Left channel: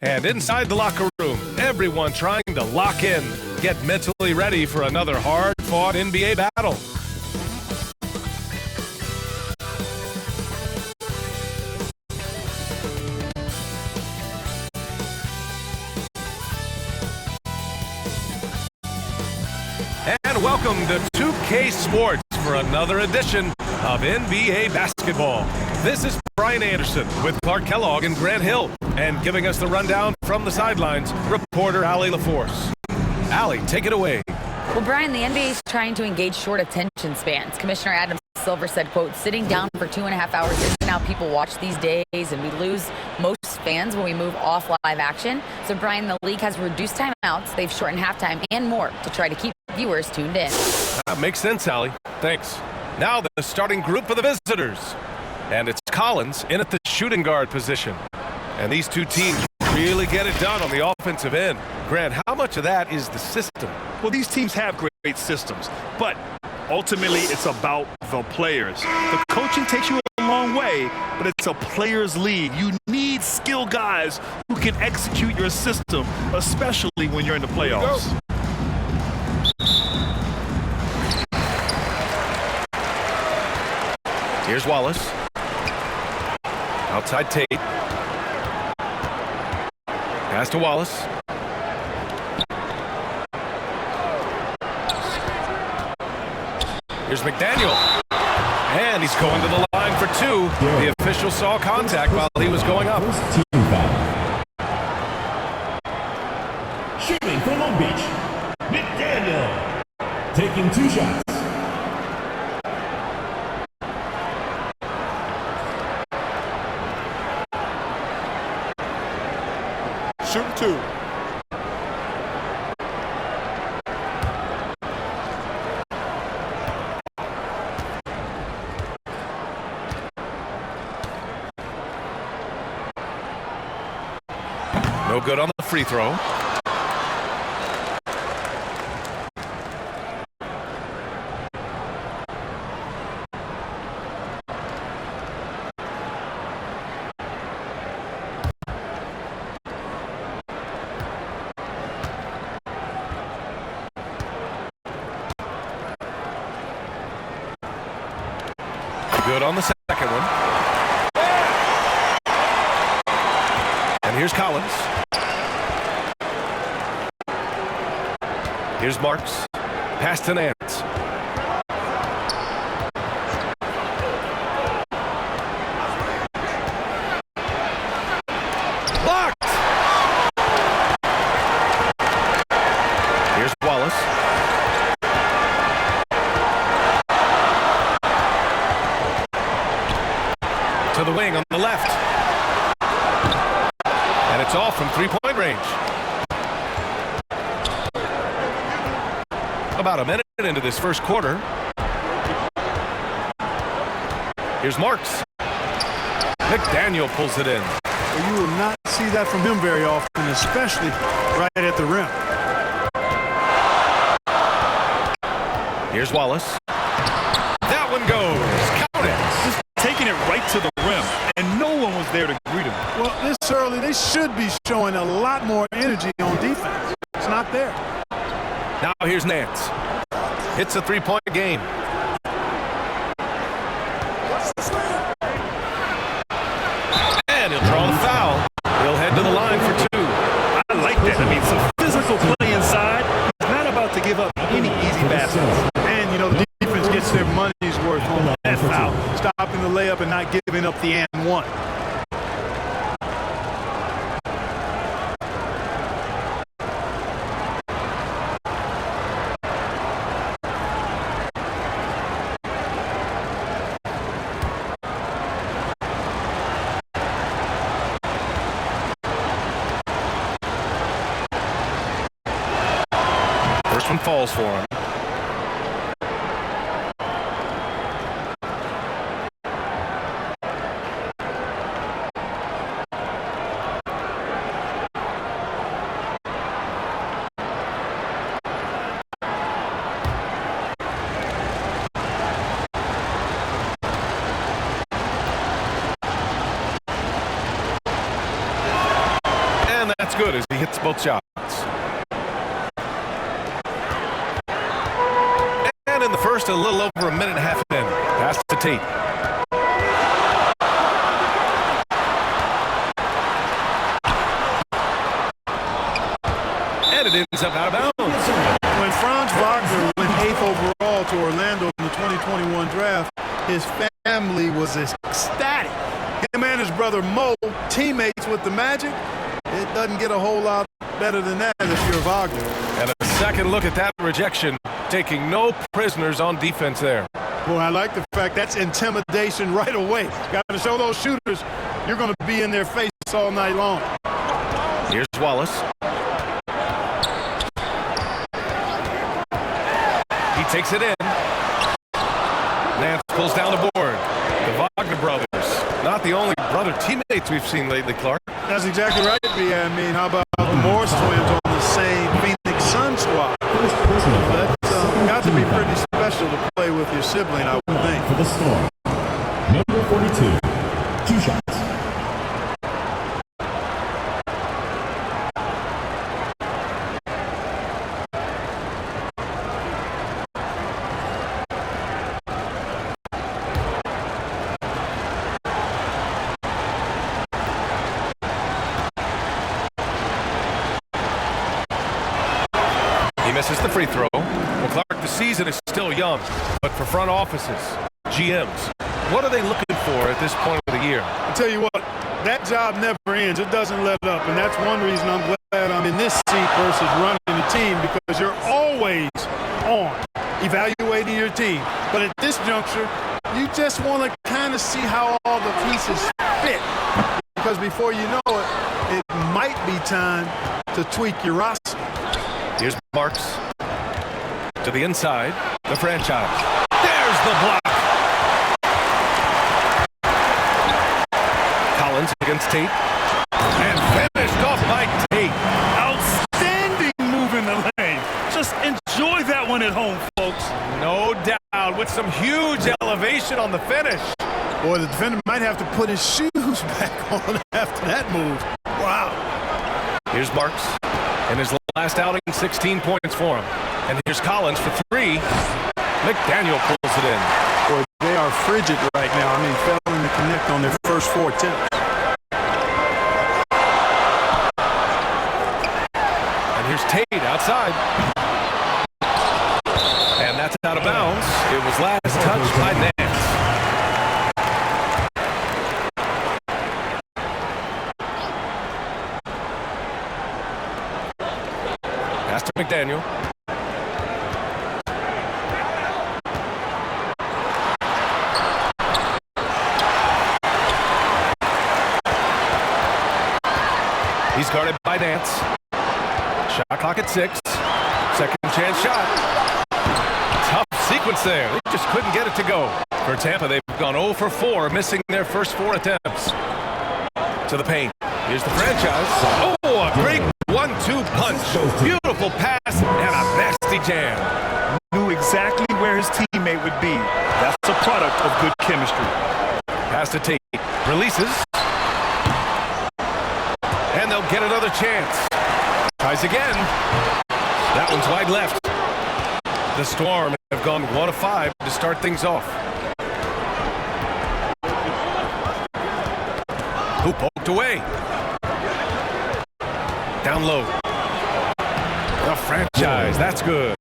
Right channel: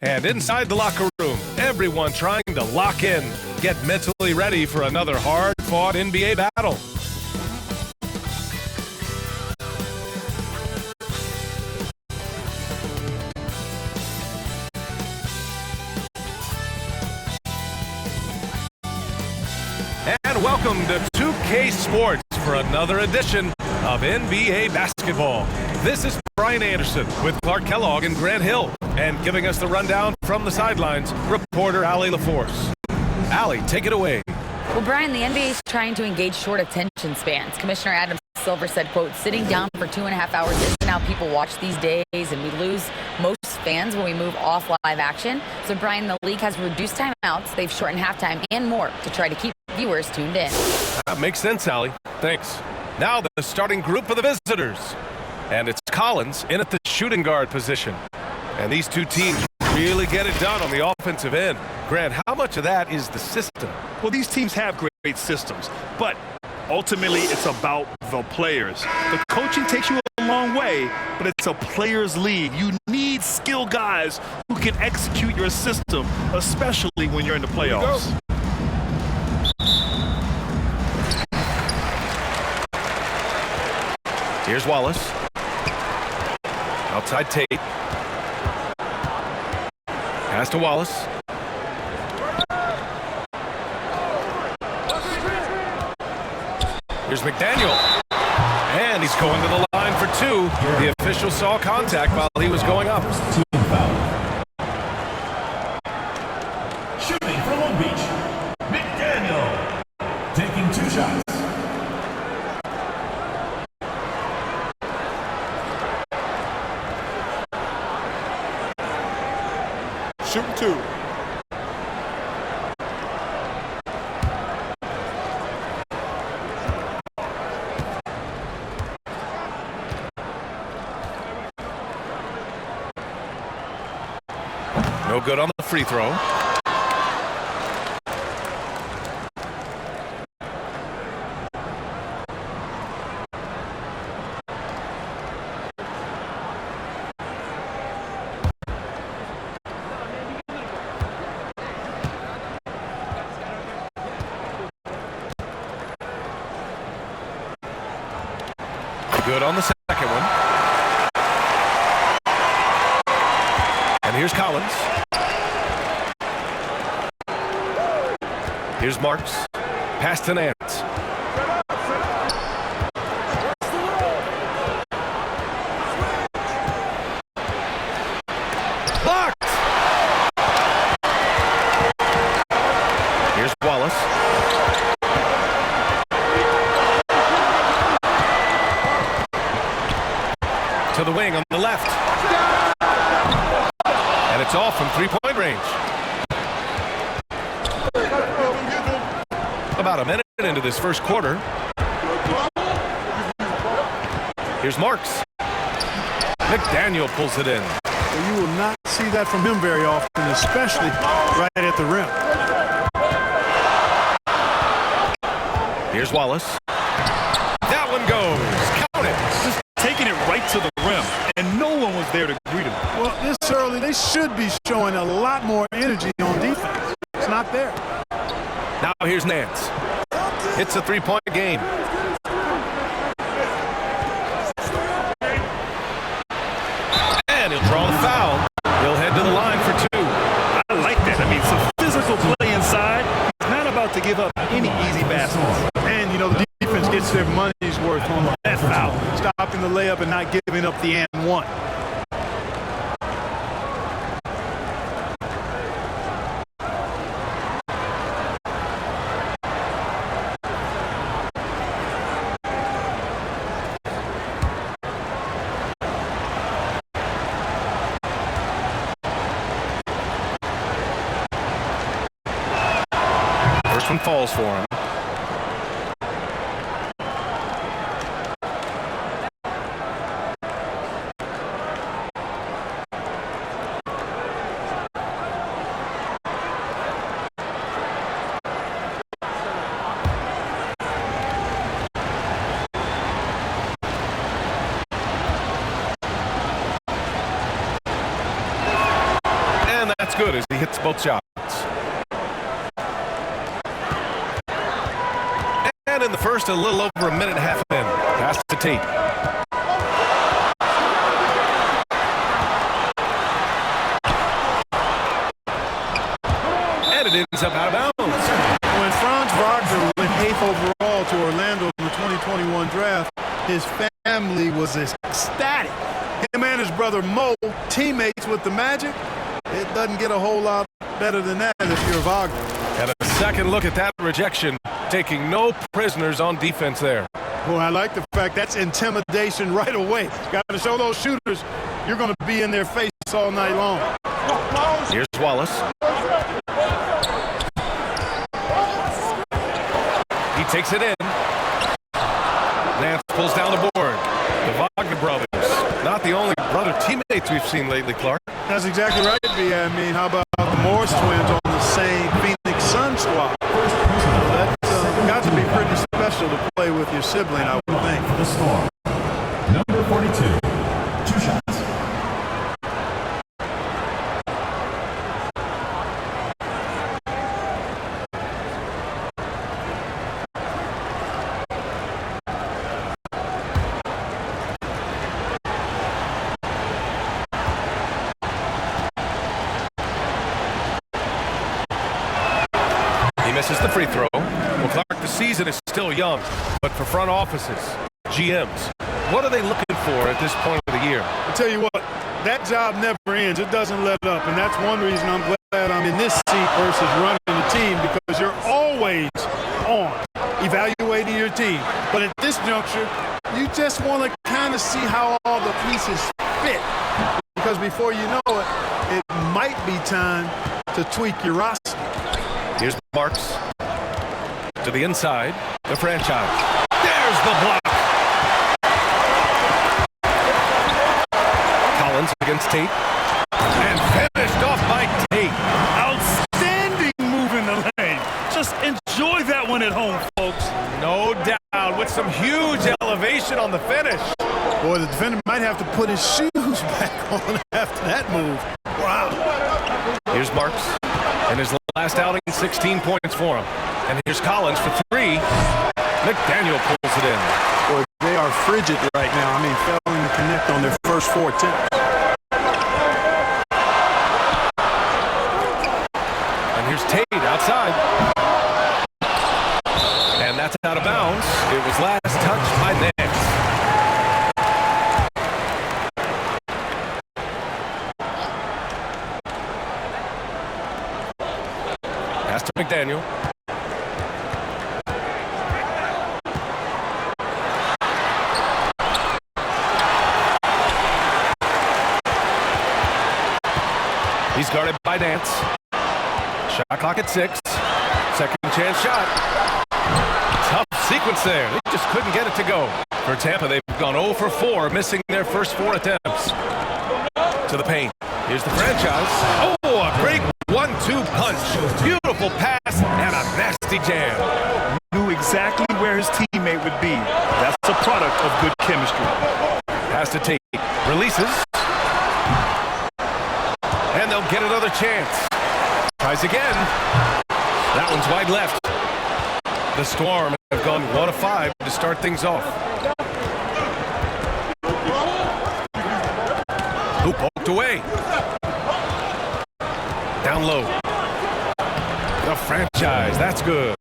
And inside the locker room, everyone trying to lock in, get mentally ready for another hard-fought NBA battle. And welcome to 2K Sports for another edition of NBA basketball. This is Brian Anderson with Clark Kellogg and Grant Hill, and giving us the rundown from the sidelines, reporter Allie LaForce. Allie, take it away. Well, Brian, the NBA is trying to engage short attention spans. Commissioner Adam Silver said, quote, sitting down for 2.5 hours isn't how people watch these days, and we lose most fans when we move off live action. So, Brian, the league has reduced timeouts, they've shortened halftime and more to try to keep viewers tuned in. That makes sense, Allie. Thanks. Now the starting group for the visitors. And it's Collins in at the shooting guard position. And these two teams really get it done on the offensive end. Grant, how much of that is the system? Well, these teams have great systems, but ultimately it's about the players. The coaching takes you a long way, but it's a players' league. You need skilled guys who can execute your system, especially when you're in the playoffs. Here's Wallace. Outside Tate. Pass to Wallace. Here's McDaniel. And he's going to the line for two. The official saw contact while he was going up. Team foul. Shooting from Long Beach, McDaniel. Taking 2 shots. Shooting 2. No good on the free throw. Good on the second one. And here's Collins. Here's Marks. Pass to Nance. Blocked! Here's Wallace. To the wing on the left. And it's off from three-point range. About a minute into this first quarter. Here's Marks. McDaniel pulls it in. Well, you will not see that from him very often, especially right at the rim. Here's Wallace. That one goes. Count it. Just taking it right to the rim, and no one was there to greet him. Well, this early, they should be showing a lot more energy on defense. It's not there. Now here's Nance. Hits a three-point game. And he'll draw the foul. He'll head to the line for two. I like that. I mean, some physical play inside. He's not about to give up any easy baskets. And, you know, the defense gets their money's worth on that foul. Stopping the layup and not giving up the and one. First one falls for him. good as he hits both shots. And in the first, a little over a minute and a half in. Pass to Tate. And it ends up out of bounds. When Franz Wagner went 8th overall to Orlando in the 2021 draft, his family was ecstatic. Him and his brother Mo, teammates with the Magic. It doesn't get a whole lot better than that if you're Wagner. And a second look at that rejection, taking no prisoners on defense there. Well, I like the fact that's intimidation right away. Got to show those shooters you're going to be in their face all night long. Here's Wallace. He takes it in. Nance pulls down the board. The Wagner brothers, not the only brother teammates we've seen lately, Clark. That's exactly right, B. I mean, how about the Morris twins on the same Phoenix Sun squad? That's got to be pretty special to play with your sibling, I would think. For the Storm, number 42, 2 shots. He misses the free throw. Well, Clark, the season is still young, but for front offices, GMs, what are they looking for at this point of the year? I tell you what, that job never ends. It doesn't let up, and that's one reason I'm glad I'm in this seat versus running the team, because you're always on evaluating your team. But at this juncture, you just want to kind of see how all the pieces fit, because before you know it, it might be time to tweak your roster. Here's Marks to the inside, the franchise. There's the block. Collins against Tate. And finished off by Tate. Outstanding move in the lane. Just enjoy that one at home, folks. No doubt, with some huge elevation on the finish. Boy, the defender might have to put his shoes back on after that move. Wow. Here's Marks. In his last outing, 16 points for him. And here's Collins for 3. McDaniel pulls it in. Boy, they are frigid right now. I mean, failing to connect on their first 4 attempts. And here's Tate outside. And that's out of bounds. It was last touched by Nance. Pass to McDaniel. He's guarded by Nance. Shot clock at 6. Second chance shot. Tough sequence there. They just couldn't get it to go. For Tampa, they've gone 0 for 4, missing their first 4 attempts. To the paint. Here's the franchise. Oh, a great 1-2 punch. Beautiful pass and a nasty jam. Knew exactly where his teammate would be. That's a product of good chemistry. Pass to Tate. Releases. And they'll get another chance. Tries again. That one's wide left. The Storm have gone 1 of 5 to start things off. Who poked away? Down low. The franchise, that's good.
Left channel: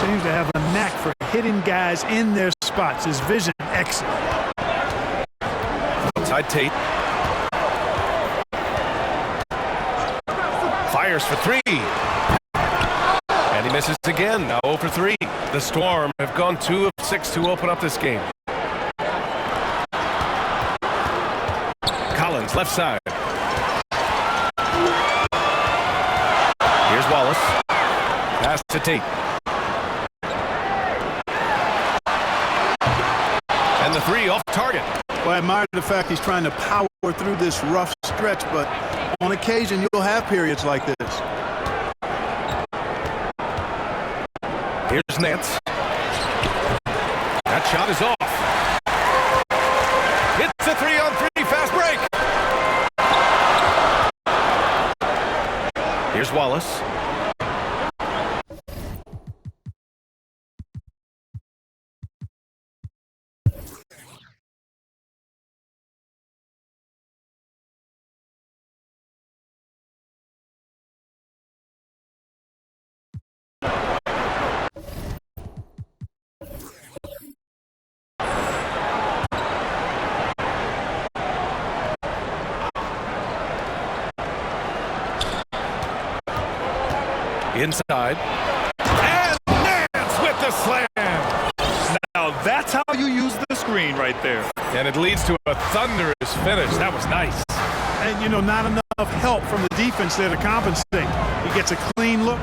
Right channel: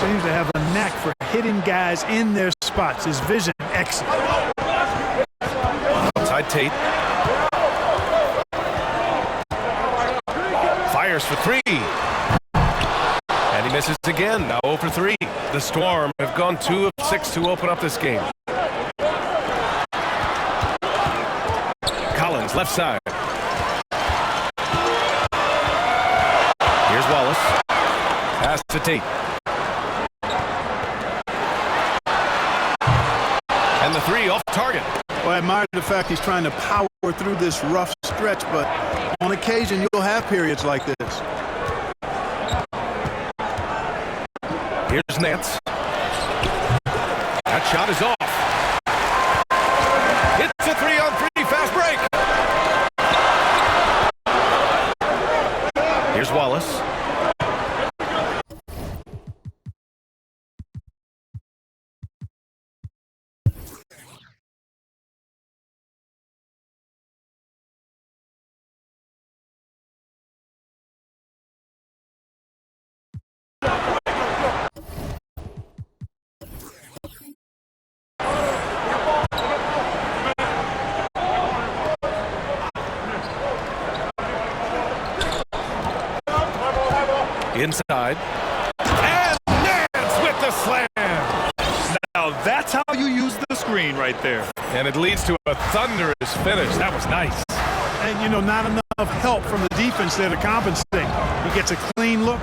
Seems to have a knack for hitting guys in their spots. His vision, excellent. Outside Tate. Fires for 3. And he misses again, now 0 for 3. The Storm have gone 2 of 6 to open up this game. Collins, left side. Here's Wallace. Pass to Tate. And the 3 off target. Well, I admire the fact he's trying to power through this rough stretch, but on occasion you'll have periods like this. Here's Nance. That shot is off. It's a 3-on-3 fast break. Here's Wallace. Inside. And Nance with the slam. Now that's how you use the screen right there. And it leads to a thunderous finish. That was nice. And, you know, not enough help from the defense there to compensate. He gets a clean look,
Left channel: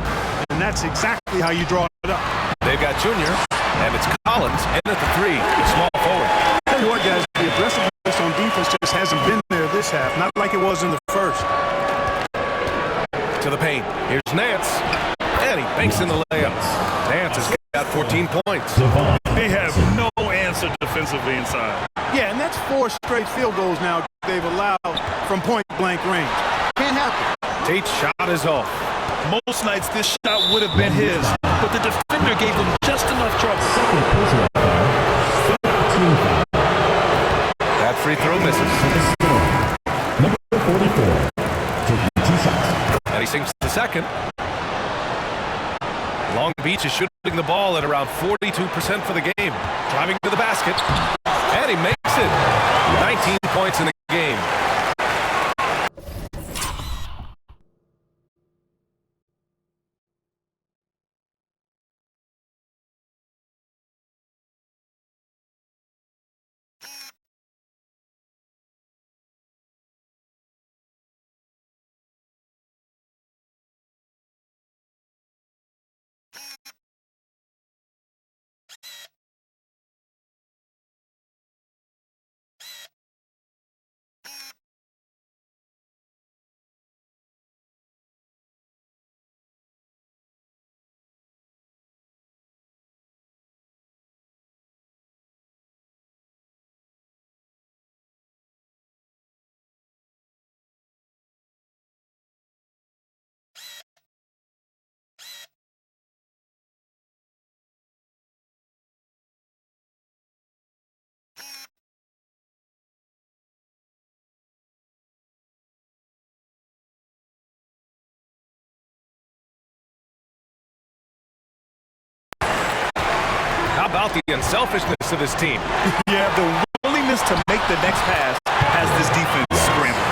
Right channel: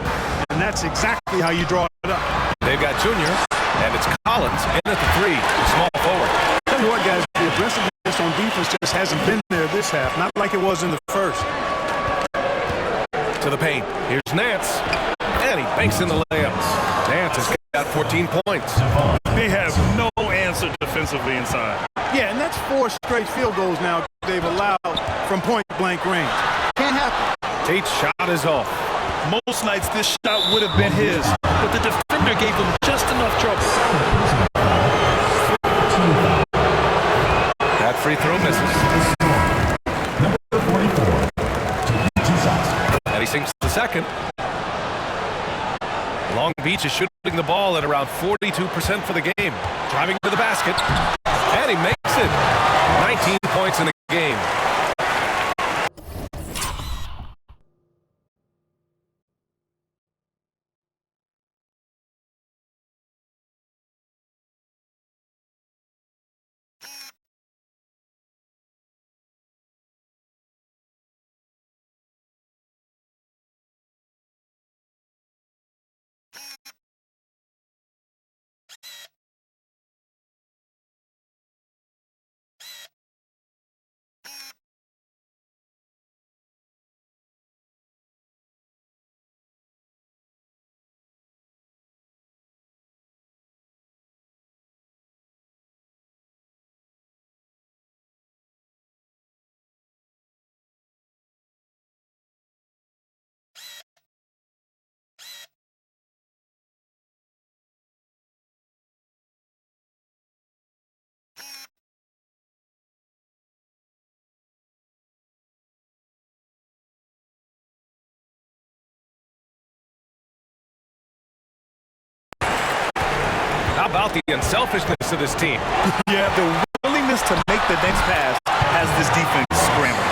and that's exactly how you draw it up. They've got Junior, and it's Collins in at the 3, the small forward. Tell you what, guys, the aggressiveness on defense just hasn't been there this half, not like it was in the first. To the paint. Here's Nance. And he banks in the layup. Nance has got 14 points. They have no answer defensively inside. Yeah, and that's 4 straight field goals now they've allowed from point-blank range. Can't happen. Tate's shot is off. Most nights this shot would have been his, but the defender gave him just enough trouble. That free throw misses. Number 44, taking 2 shots. And he sinks the second. Long Beach is shooting the ball at around 42% for the game. Driving to the basket. And he makes it. 19 points in the game. How about the unselfishness of this team? Yeah, the willingness to make the next pass has this defense scrambling.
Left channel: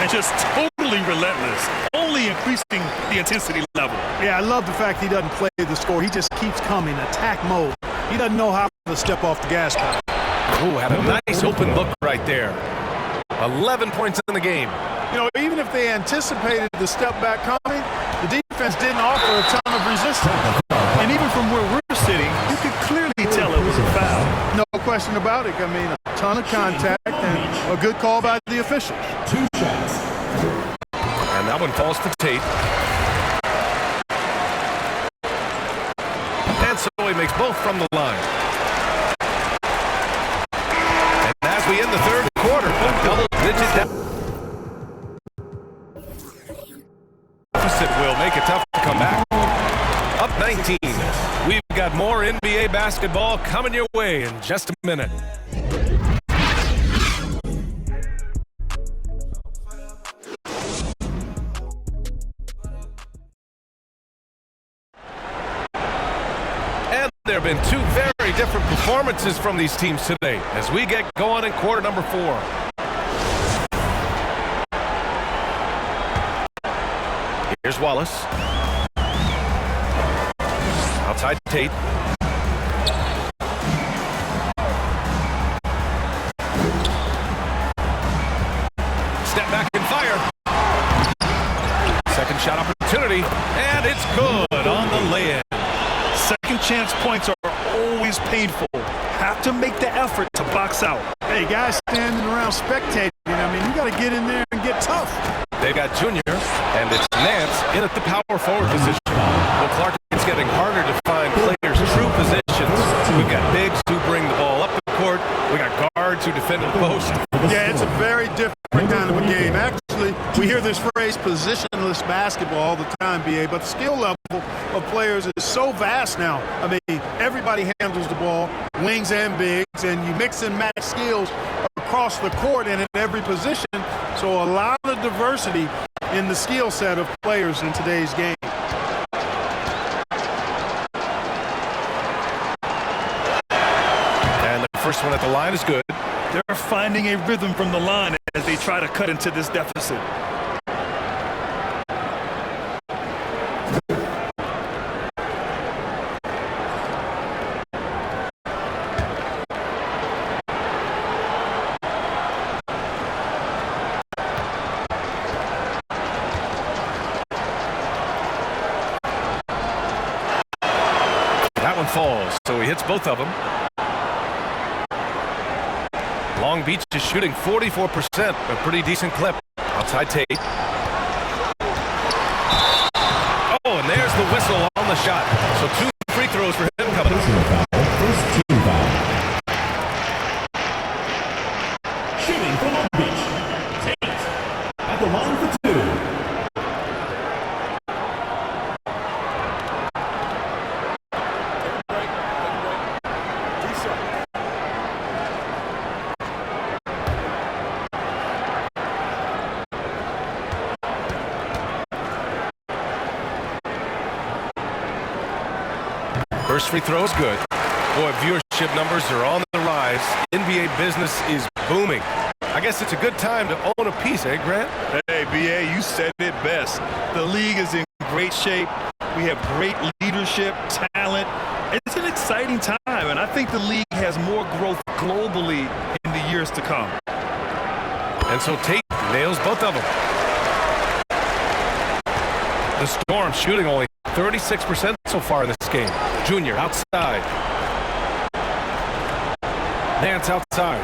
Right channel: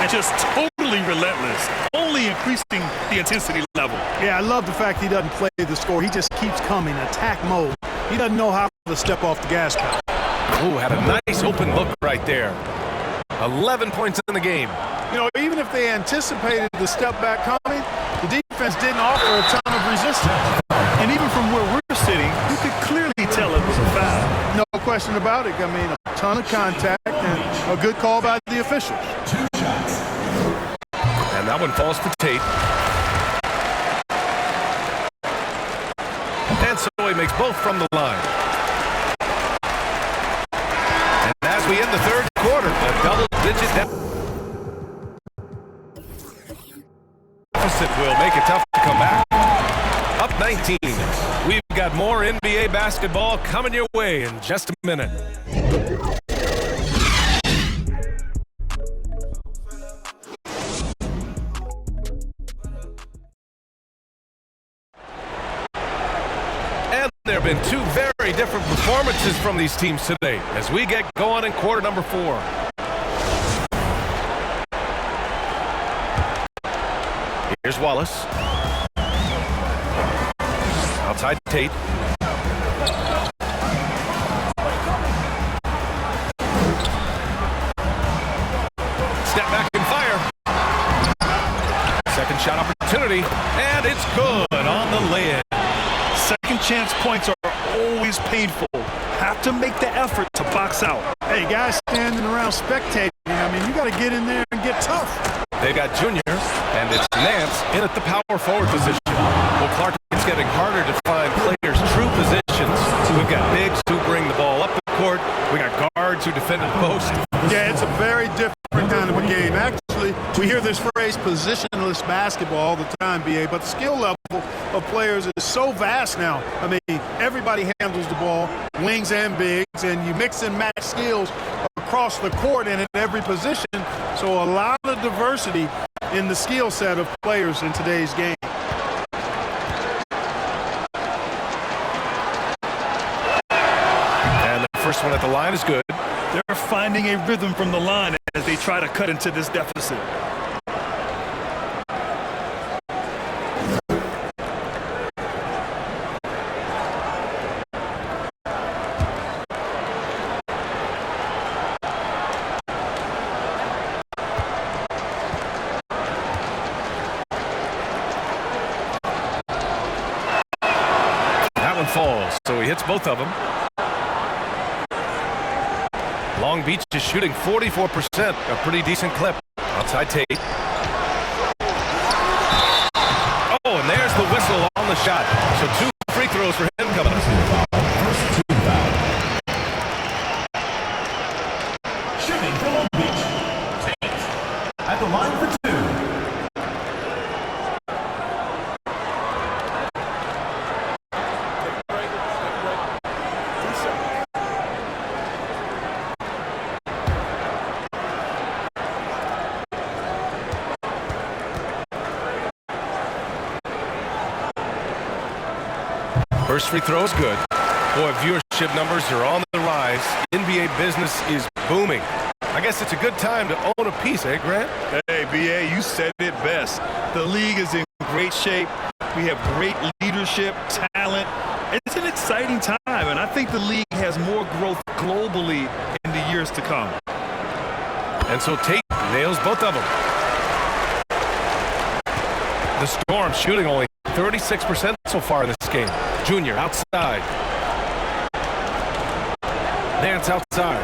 And just totally relentless, only increasing the intensity level. Yeah, I love the fact he doesn't play the score. He just keeps coming, attack mode. He doesn't know how to step off the gas pedal. Ooh, had a nice open look right there. 11 points in the game. You know, even if they anticipated the step back coming, the defense didn't offer a ton of resistance. And even from where we're sitting, you could clearly tell it was a foul. No question about it. I mean, a ton of contact and a good call by the officials. 2 shots. And that one falls for Tate. And so he makes both from the line. And as we end the third quarter, a double-digit deficit will make it tough to come back. Up 19. We've got more NBA basketball coming your way in just a minute. And there have been 2 very different performances from these teams today as we get going in quarter number 4. Here's Wallace. Outside Tate. Step back and fire. Second shot opportunity, and it's good on the lay-in. Second chance points are always painful. Have to make the effort to box out. Hey, guys standing around spectating, I mean, you got to get in there and get tough. They got Junior, and it's Nance in at the power forward position. Well, Clark, it's getting harder to find players' true positions. We've got bigs who bring the ball up the court. We got guards who defend at the post. Yeah, it's a very different kind of a game. Actually, Unfortunately, we hear this phrase positionless basketball all the time, BA, but the skill level of players is so vast now. I mean, everybody handles the ball, wings and bigs, and you mix and match skills across the court and at every position. So a lot of diversity in the skill set of players in today's game. And the first one at the line is good. They're finding a rhythm from the line as they try to cut into this deficit. That one falls, so he hits both of them. Long Beach is shooting 44%, a pretty decent clip. Outside Tate. Oh, and there's the whistle on the shot. So 2 free throws for him coming up. First team foul. Shooting from Long Beach. Tate at the line for 2. Take a break. 2 shots. First free throw is good. Boy, viewership numbers are on the rise. NBA business is booming. I guess it's a good time to own a piece, eh, Grant? Hey, BA, you said it best. The league is in great shape. We have great leadership, talent. It's an exciting time, and I think the league has more growth globally in the years to come. And so Tate nails both of them. The Storm shooting only 36% so far in this game. Junior outside. Nance outside.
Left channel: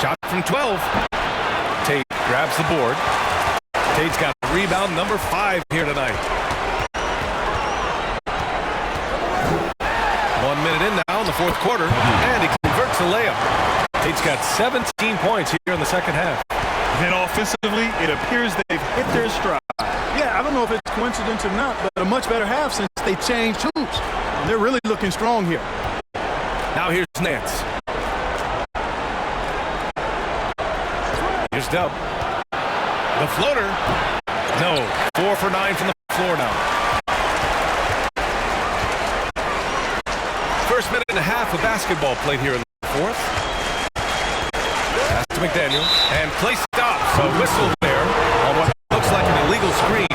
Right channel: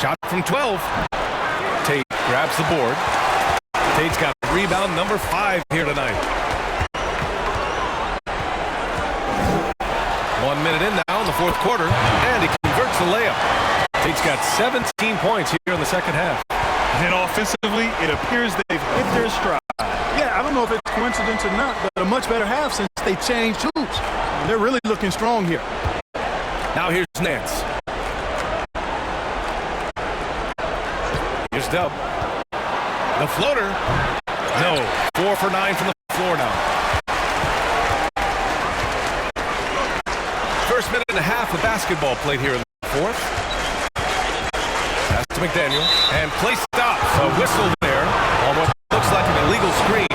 Shot from 12. Tate grabs the board. Tate's got rebound number 5 here tonight. 1 minute in now in the fourth quarter, and he converts the layup. Tate's got 17 points here in the second half. And offensively, it appears they've hit their stride. Yeah, I don't know if it's coincidence or not, but a much better half since they changed hoops. They're really looking strong here. Now here's Nance. Here's Dub. The floater. No. 4 for 9 from the floor now. First minute and a half of basketball played here in the fourth. Pass to McDaniel. And play stops. A whistle there on what looks like an illegal screen.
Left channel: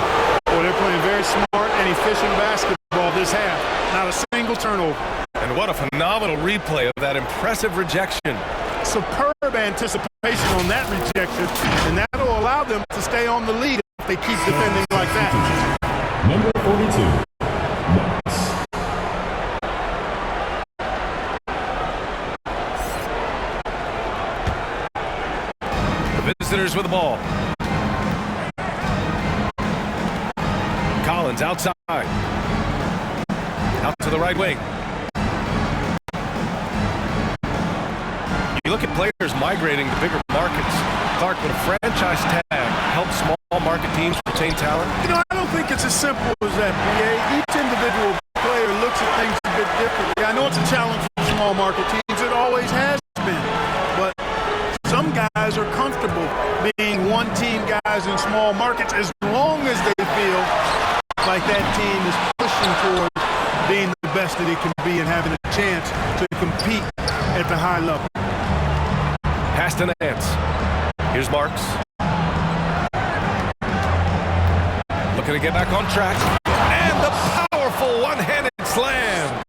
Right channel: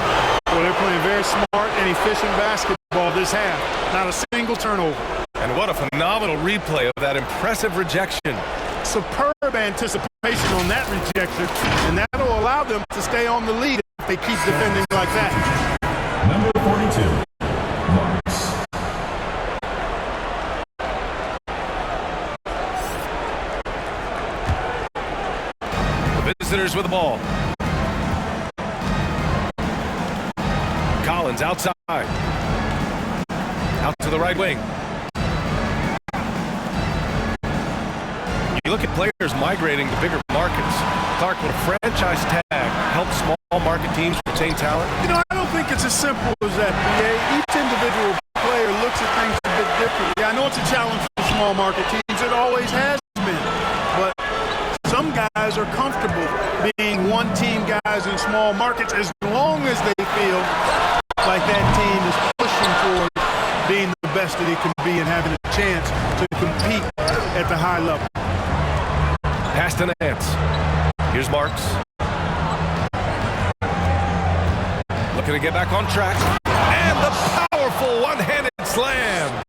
Well, they're playing very smart and efficient basketball this half. Not a single turnover. And what a phenomenal replay of that impressive rejection. Superb anticipation on that rejection, and that'll allow them to stay on the lead if they keep defending like that. Number 42, Marks. The visitors with the ball. Collins outside. Out to the right wing. You look at players migrating to bigger markets. Clark, would a franchise tag help small market teams retain talent? You know, I don't think it's as simple as that, BA. Each individual player looks at things a bit differently. I know it's a challenge for small market teams. It always has been. But some guys are comfortable being one-team guys in small markets as long as they feel like that team is pushing towards being the best that it can be and having a chance to compete at the high level. Pass to Nance. Here's Marks. Looking to get back on track. And the powerful one-handed slam.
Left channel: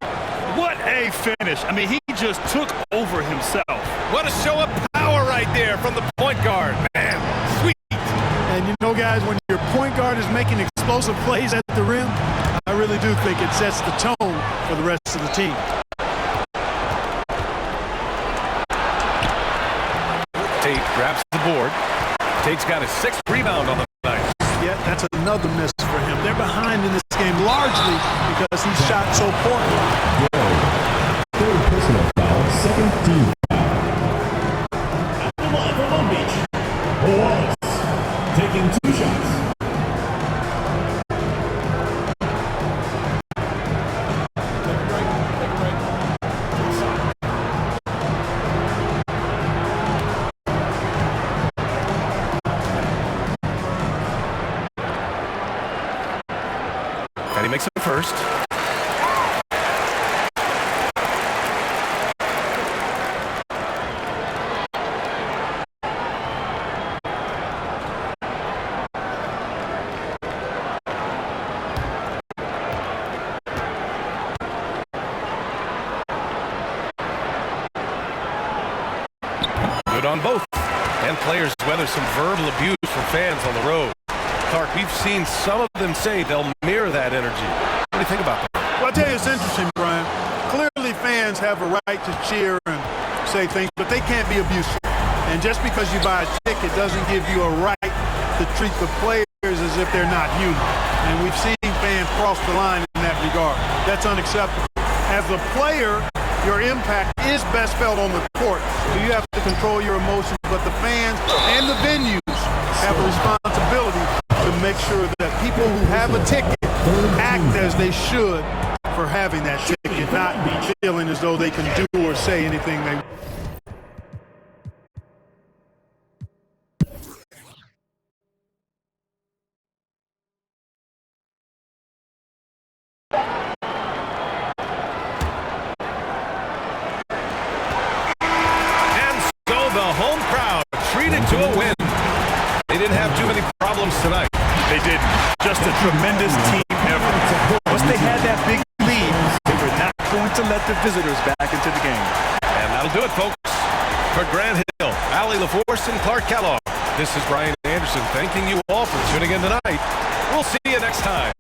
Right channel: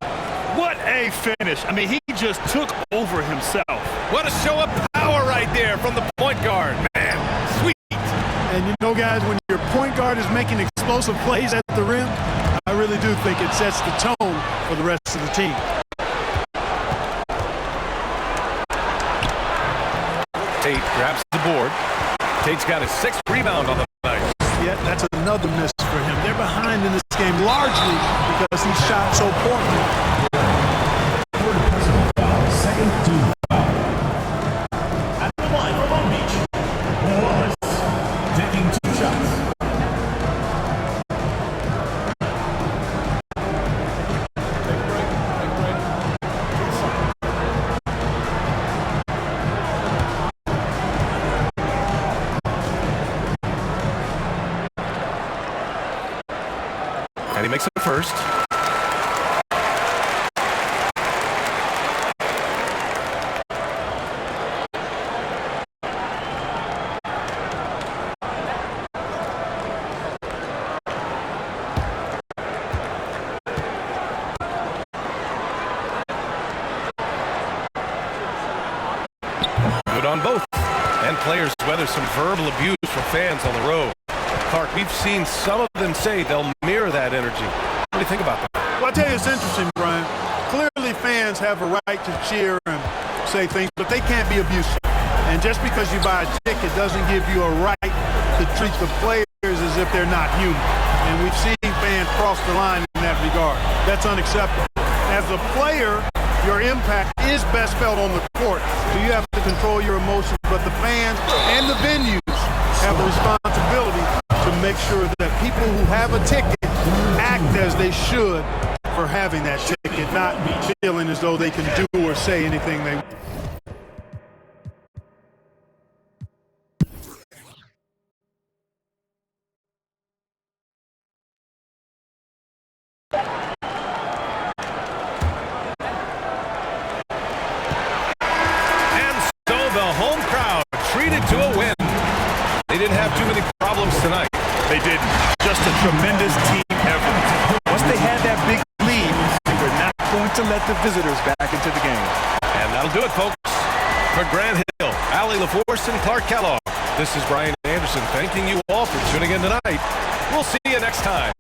What a finish. I mean, he just took over himself. What a show of power right there from the point guard. Man, sweet. And you know, guys, when your point guard is making explosive plays at the rim, I really do think it sets the tone for the rest of the team. Tate grabs the board. Tate's got his 6th rebound on the night. Yeah, that's another miss for him. They're behind in this game largely because he shot so poorly. Third personal foul, second team foul. At the line for Long Beach, Wallace. makes it first. Good on both. And players weather some verbal abuse from fans on the road. Clark, we've seen some of them say they'll mirror that energy. What do you think about that? Well, I tell you, it's interesting, Brian. Clearly, fans have a right to cheer and say things, but they can't be abusive. And just because you buy a ticket doesn't give you a right to treat the players as if they're not human. And we've seen fans cross the line in that regard. That's unacceptable. As a player, your impact is best felt on the court, so you have to control your emotions, but the fans and the venues have a responsibility to make sure that people who have a ticket act as they should for having that ticket, not feeling as though they can do or say anything they want. The home crowd treated to a win. They didn't have too many problems tonight. They didn't. Just a tremendous team effort. Once they had that big lead, they were not going to let the visitors back into the game. And that'll do it, folks. For Grant Hill, Allie LaForce, and Clark Kellogg, this is Brian Anderson thanking you all for tuning in tonight. We'll see you next time.